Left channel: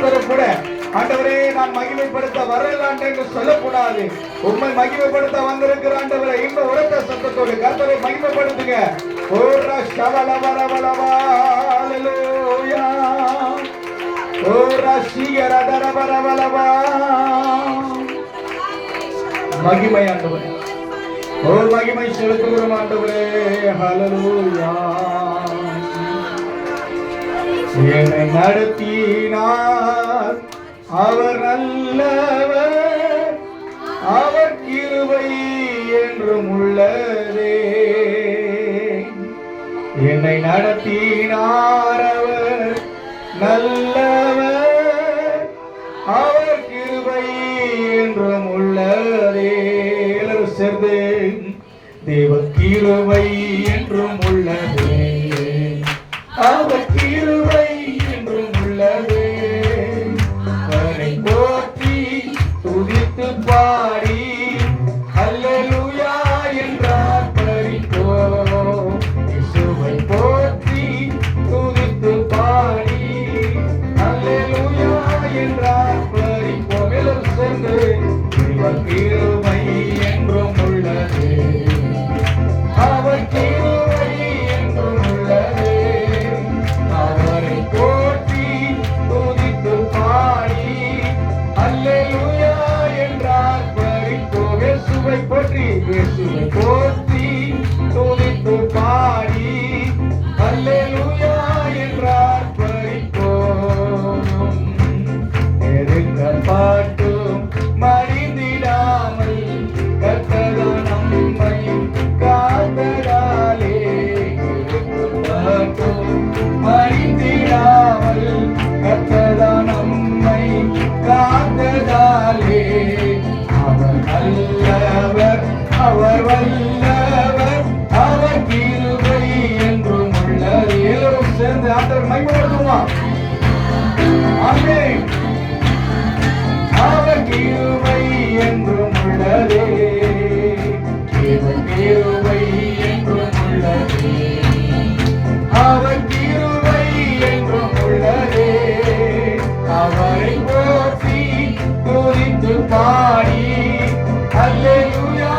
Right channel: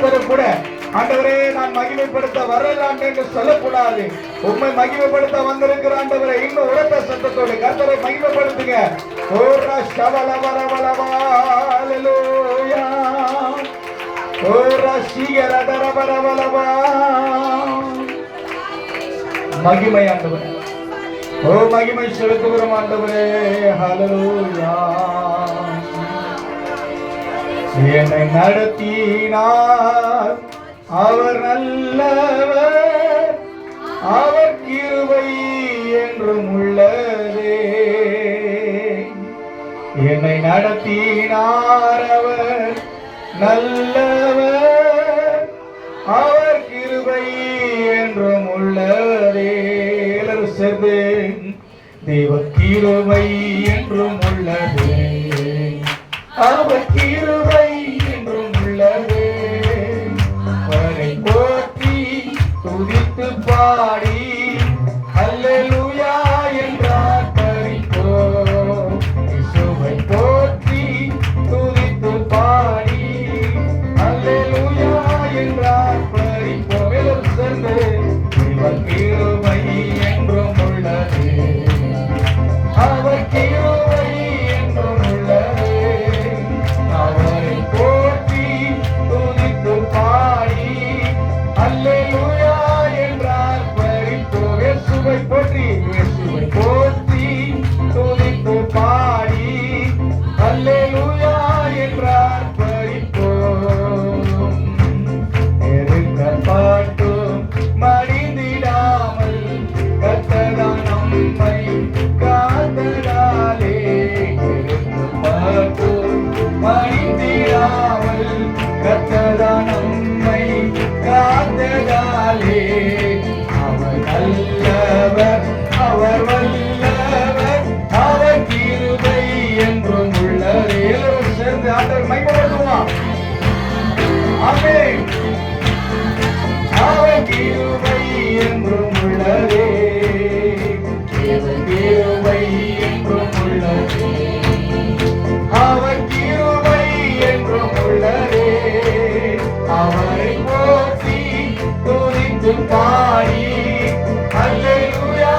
ஒருத்தரும் கூட ஆண்டவரே நான் மகிமைப்படுத்த வரல என்று சொல்லக்கூடாது. உண்மை மகிமைப்படுத்த வந்திருக்கிற ஆண்டவரை இன்னும் உரத்த சத்தத்தோடு கர்த்தரை மகிமைப்படுத்துங்க. ஓரா ஷவலவரவலவா ஹல்லேலூயா. ஓரா ஷிகரதரவரவலவா. மகிமை ஆண்டவரே, ஓ மகிமை செலுத்துகிறோம் ஆண்டவரே. ஹல்லேலூயா. என்னை நடத்தினார் அவர் நல்லவர், அவர் கிருபை என்றும் உள்ளதே. என்னை நடத்தினார் அவர் நல்லவர், அவர் கிருபை என்றும் உள்ளதே. எல்லாரும் சேர்ந்து தேவ கிருபை என்றும் உள்ளதே, அவர் கிருபை என்றும் உள்ளதே. அவரை போற்றி துதித்து பாடி அல்லேலூயா என்றார் பரிப்போம். இயேசுவை போற்றி துதித்து பாடி அல்லேலூயா என்றார் பரிப்போம். எல்லோரும் சேர்ந்து அவர் கிருபை என்றும் உள்ளதே, அவர் கிருபை என்றும் உள்ளதே. அவரை போற்றி துதித்து பாடி அல்லேலூயா என்றார் பரிப்போம். இயேசுவை போற்றி, இயேசுவை போற்றி துதித்து பாடி அல்லேலூயா என்றார் பரிப்போம். நெருக்கப்பட்டும் மடிந்திடாமல் கர்த்தர் நம்மை காத்ததாலே, நெருக்கப்பட்டும் மடிந்திடாமல் கர்த்தர் நம்மை காத்ததாலே. அவர் நல்லவர், அவர் வல்லவர், அவர் கிருபை என்றும் உள்ளதே. எல்லோரும் சேர்ந்து ஆண்டவரை மகிமைப்படுத்துவோம். ஆமென். அவர் கிருபை என்றும் உள்ளதே, அவர் கிருபை என்றும் உள்ளதே, அவர் கிருபை என்றும் உள்ளதே. அவரை போற்றி துதித்து பாடி அல்லேலூயா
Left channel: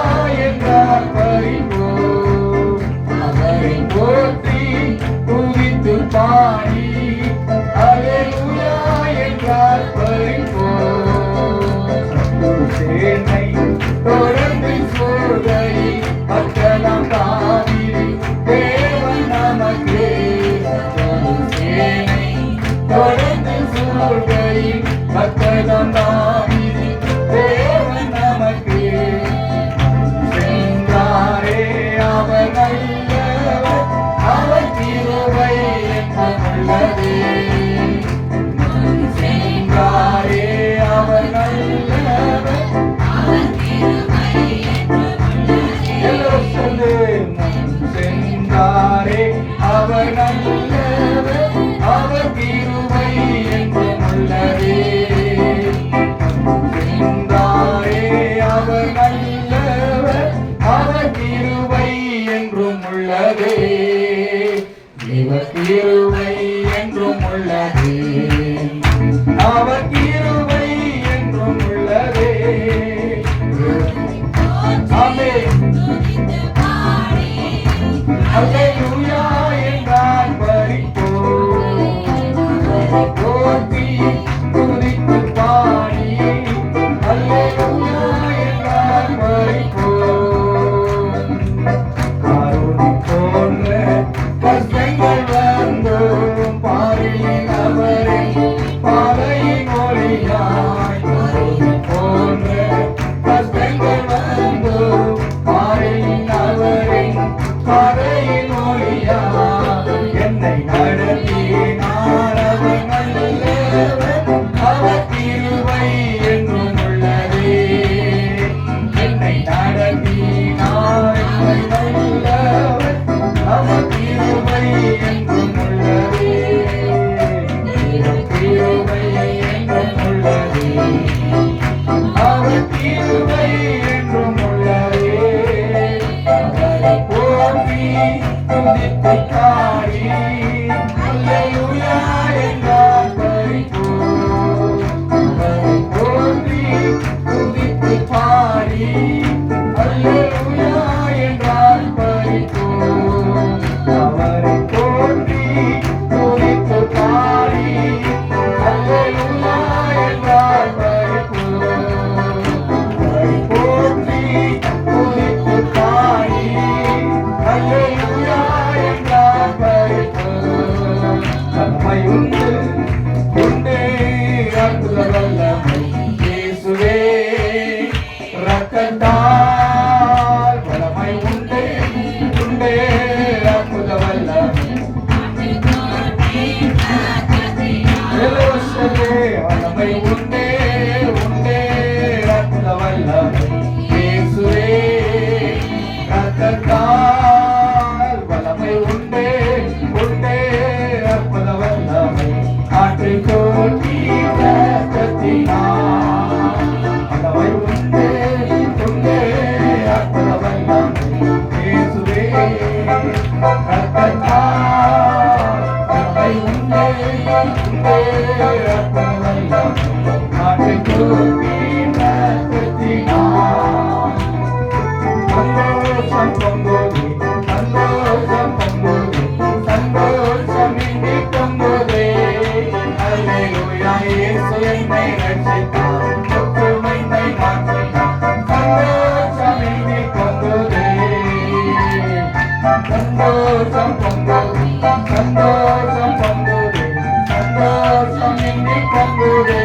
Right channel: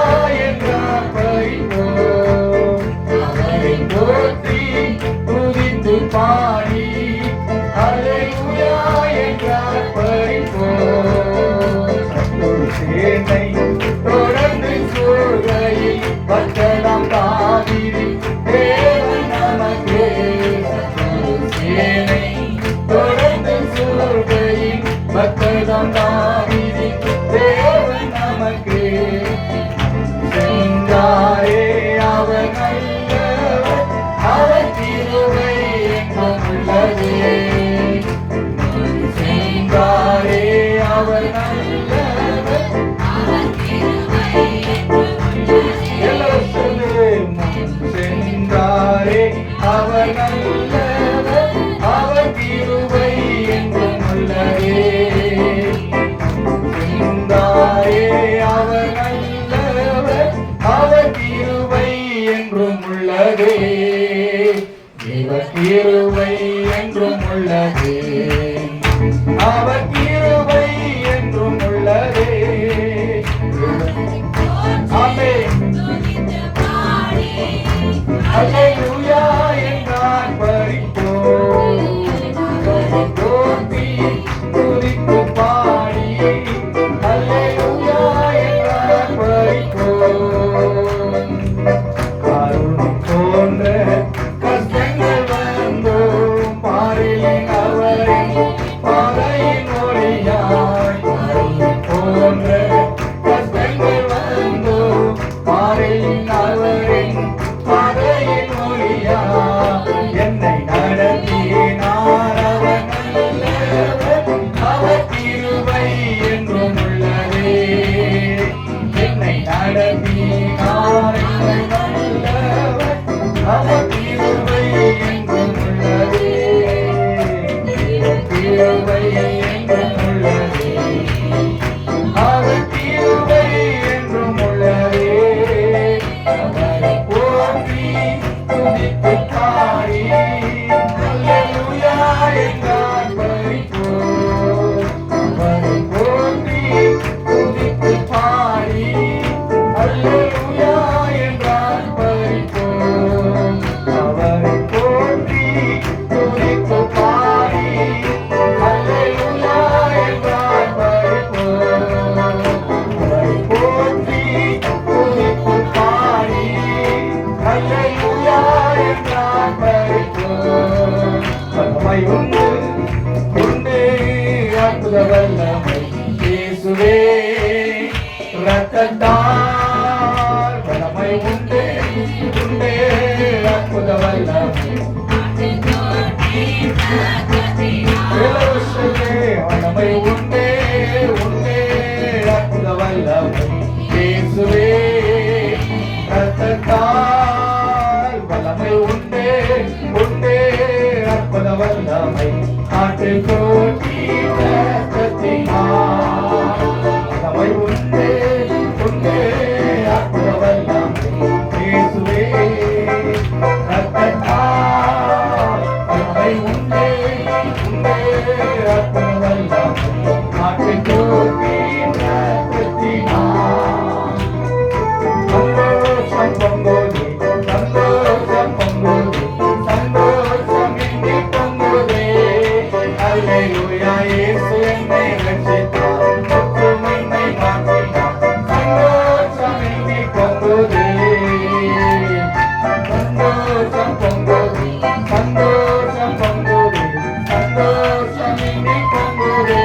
என்றார் பரிப்போம். அவரை போற்றி துதித்து பாடி அல்லேலூயா என்றார் பரிப்போம். சேனை தொடர்ந்து சூழ்கையில் பட்டணம் தாவீது தேவன் நமக்கே. சேனை தொடர்ந்து சூழ்கையில் பட்டணம் தாவீது தேவன் நமக்கே. சென்றாரே அவர் நல்லவர், அவர் கிருபை என்றும் உள்ளதே. சென்றாரே அவர் நல்லவர், எல்லோரும் சொல்லு. சென்றாரே அவர் நல்லவர், அவர் கிருபை என்றும் உள்ளதே. சென்றாரே அவர் நல்லவர், அவர் கிருபை என்றும் உள்ளதே. இவர் கிருபை என்றும் உள்ளதே, அவர் கிருபை என்றும் உள்ளதே. ஆமென். அல்லேலூயா என்றார் பரிப்போம். போற்றி துதித்து பாடி அல்லேலூயா என்றார் பரிப்போம். கருணை போன்ற கஷ்டங்கள் வந்தோம் பாரிலின் அவரின் பாதையின் ஒளி வல்லமை உண்டே உண்டே அற்புத வல்லமை இயேசுவே ரத்தத்தால் வல்லமை உண்டே உண்டே அற்புத வல்லமை ஆற்றை போட்டி ரத்தத்தினால் வல்லமை உண்டே உண்டே அற்புத வல்லமை இயேசுவே ரத்தத்தால் வல்லமை உண்டே உண்டே அற்புத வல்லமை ஆற்றை போட்டி ரத்தத்தினால் சந்தோஷம் பொங்குதே சந்தோஷம் பொங்குதே சந்தோஷம் இங்கே பொங்குதே அல்லேலூயா இயேசு என்னை ரட்சித்தார் துக்கம் என்னை மாற்றினார் சந்தோஷம் இங்கே பொங்குதே சந்தோஷம் பொங்குதே சந்தோஷம் பொங்குதே சந்தோஷம் இங்கே பொங்குதே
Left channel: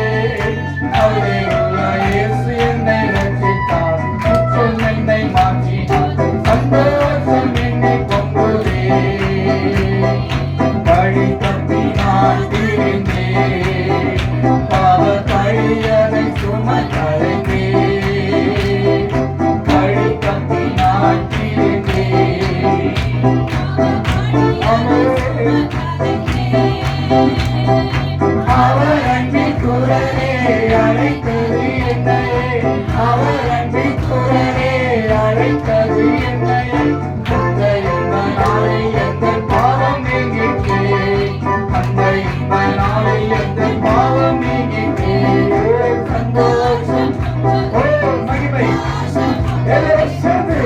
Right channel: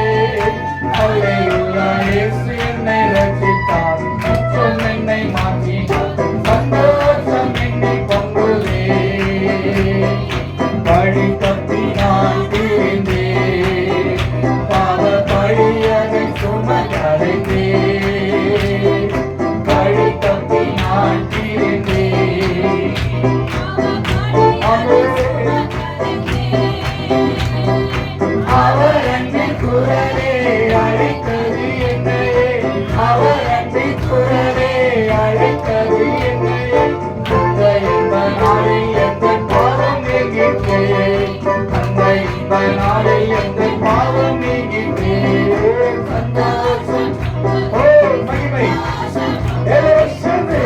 அல்லேலூயா இயேசு என்னை ரட்சித்தார் துக்கம் என்னை மாற்றினார் சந்தோஷம் என்னை பொங்குதே பழி தப்பி நான் தீர்ந்தேன் பாவ பழியதை சுமந்தரைந்தே பழி தப்பி நான் தீர்ந்தேன் அவர் அன்பின் குரலே அழைத்தது என்னையே அவர் அன்பின் குரலே அழைத்தது என்னையே அந்த இந்த நாளில் எந்த பாவம் நீங்கிற்றே அந்த இந்த நாளில் எந்த பாவம் நீங்கிற்றே சந்தோஷம் ஓ மகிமை எல்லோரும் சேர்ந்து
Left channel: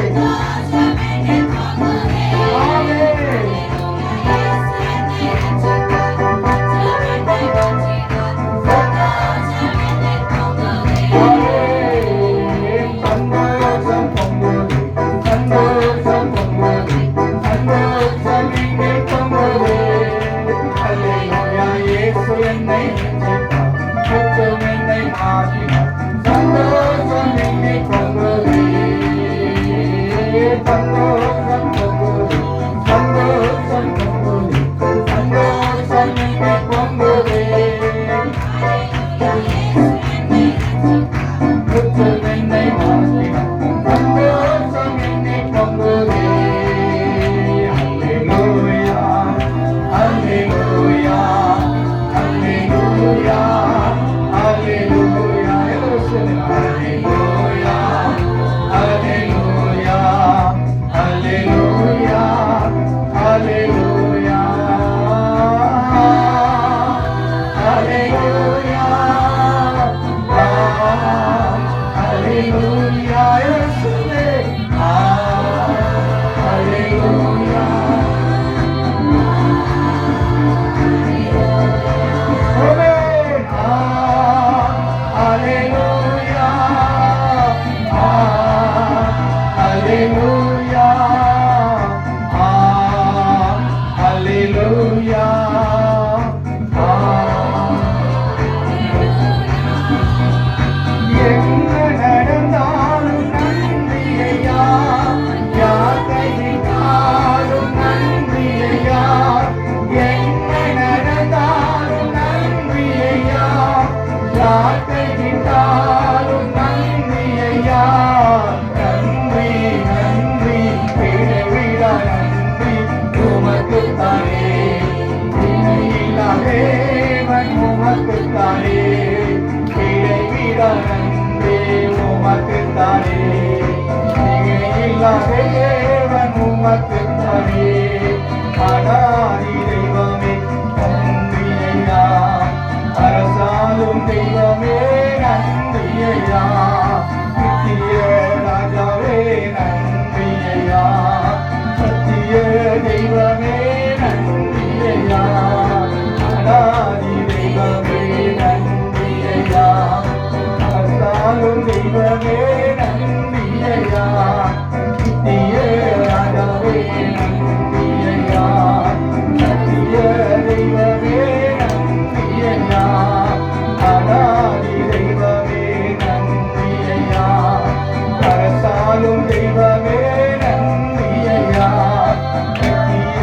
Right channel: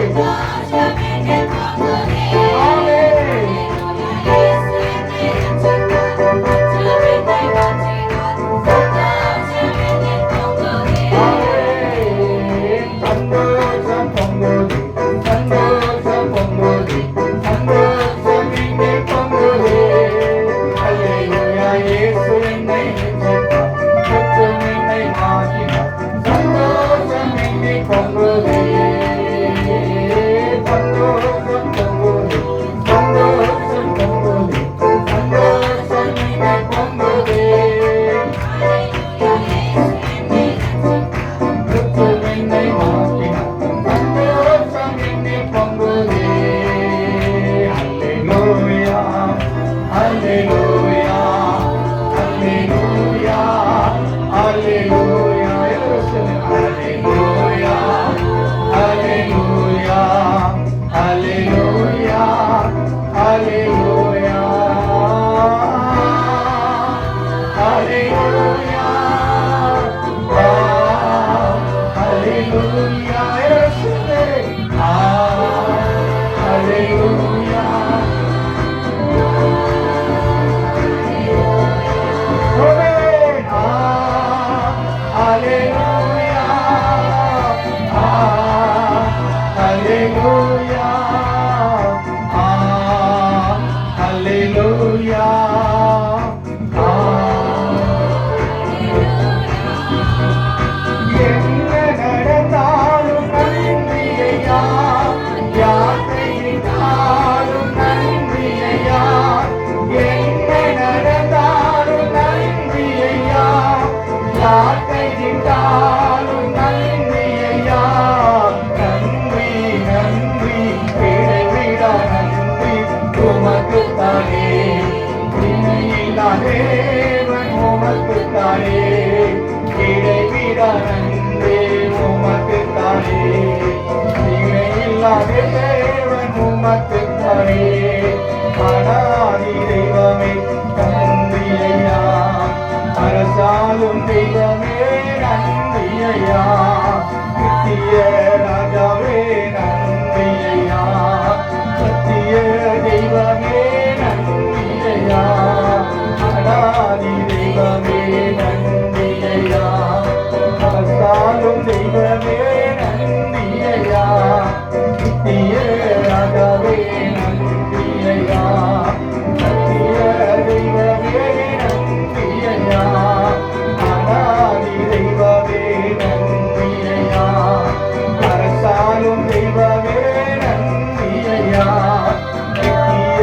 தெய்வமே நன்றியா நித்திய ராஜாவே நன்றியா சத்திய தெய்வமே நன்றியா அனாதி தெய்வமே நன்றியா அவசாலும் தெய்வமே நன்றியா நித்திய ராஜாவே நன்றியா சத்திய தெய்வமே நன்றியா அனாதி தெய்வமே நன்றியா அரசாலும் தெய்வமே நன்றியா நித்திய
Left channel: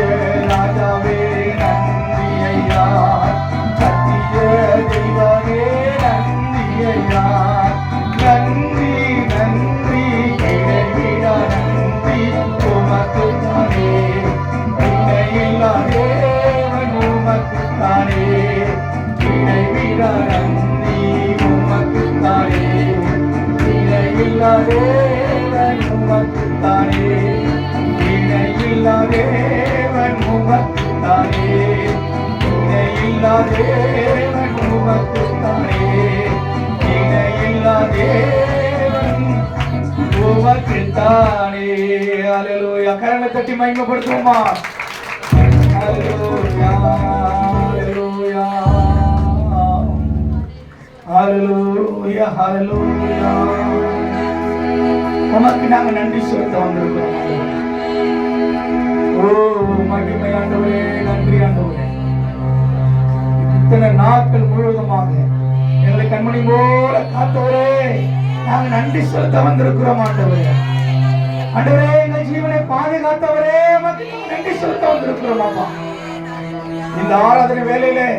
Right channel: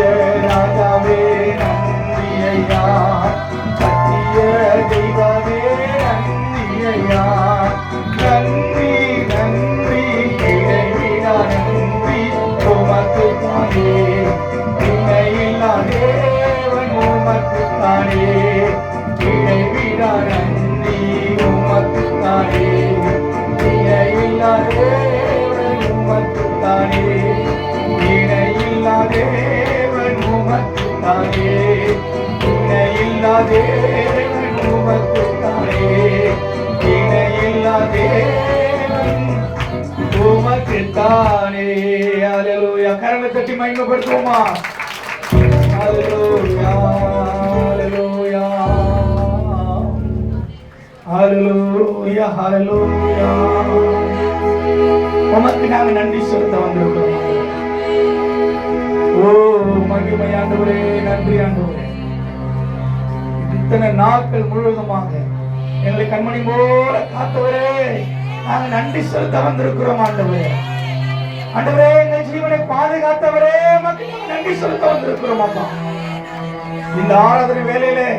உமக்கு தானே. ஹalleluya. கரங்களை தட்டி மகிமைப்படுத்துவோமா? ஹalleluya, ஹalleluya, ஹalleluya, ஹalleluya. உமக்கு நாங்க நன்றி செலுத்த வந்திருக்கிறோம். ஓ மகிமை ஆண்டவரே, நன்றி ஆண்டவரே. இத்தனை நாட்கள் முழுவதுமாக எங்களை கண்மணி போல காத்தவரே, நாங்கள் நன்றி செலுத்த வந்திருக்கிறோம் ஆண்டவரே. ஆண்டவரே, எங்கள் ஜீவனை பாதுகாத்தவரே, நன்றி செலுத்த வந்திருக்கிறோம் அப்பா. இந்த ஆராதனை வேலையிலே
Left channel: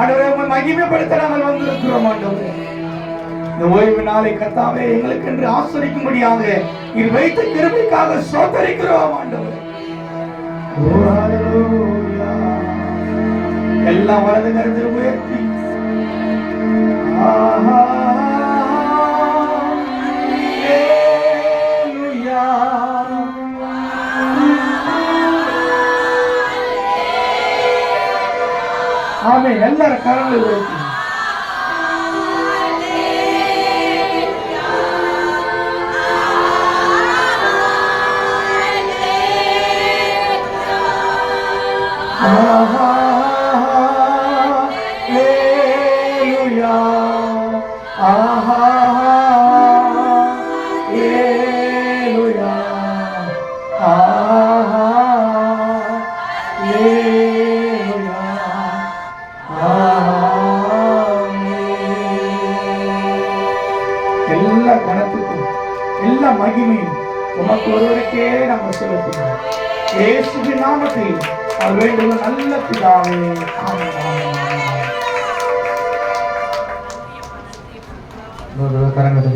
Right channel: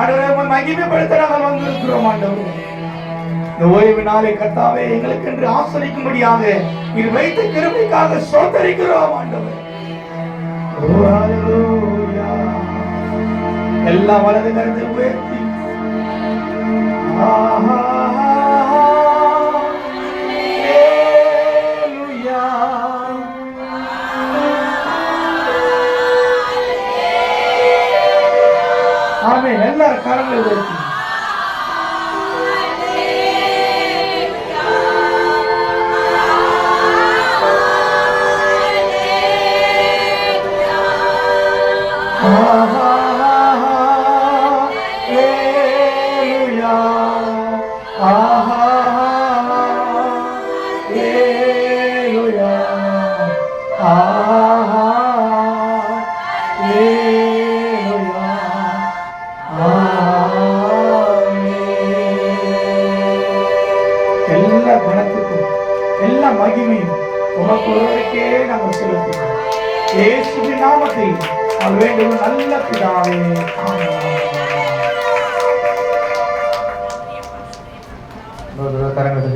ஆண்டவரே மகிமைப்படுத்த நாங்கள் வந்திருக்கிறோம் ஆண்டவரே. இந்த ஓய்வு நாளை கர்த்தாவே எங்களுக்கு என்று ஆசரிக்கும்படியாக இது வைத்த கிருபைக்காக ஸ்தோத்திரிக்கிறோம் ஆண்டவரே. எல்லா வலது கரத்தை உயர்த்தி ஆமென். எல்லாரும் கரங்களை உயர்த்தி எல்லா குணத்துக்கும் எல்லா மகிமையும் உமக்கு ஒருவருக்கே நாங்கள் செலுத்துகிறோம். இயேசுவின் நாமத்தில் அவர் வேண்டும் நல்ல பிதாவே. கரங்களை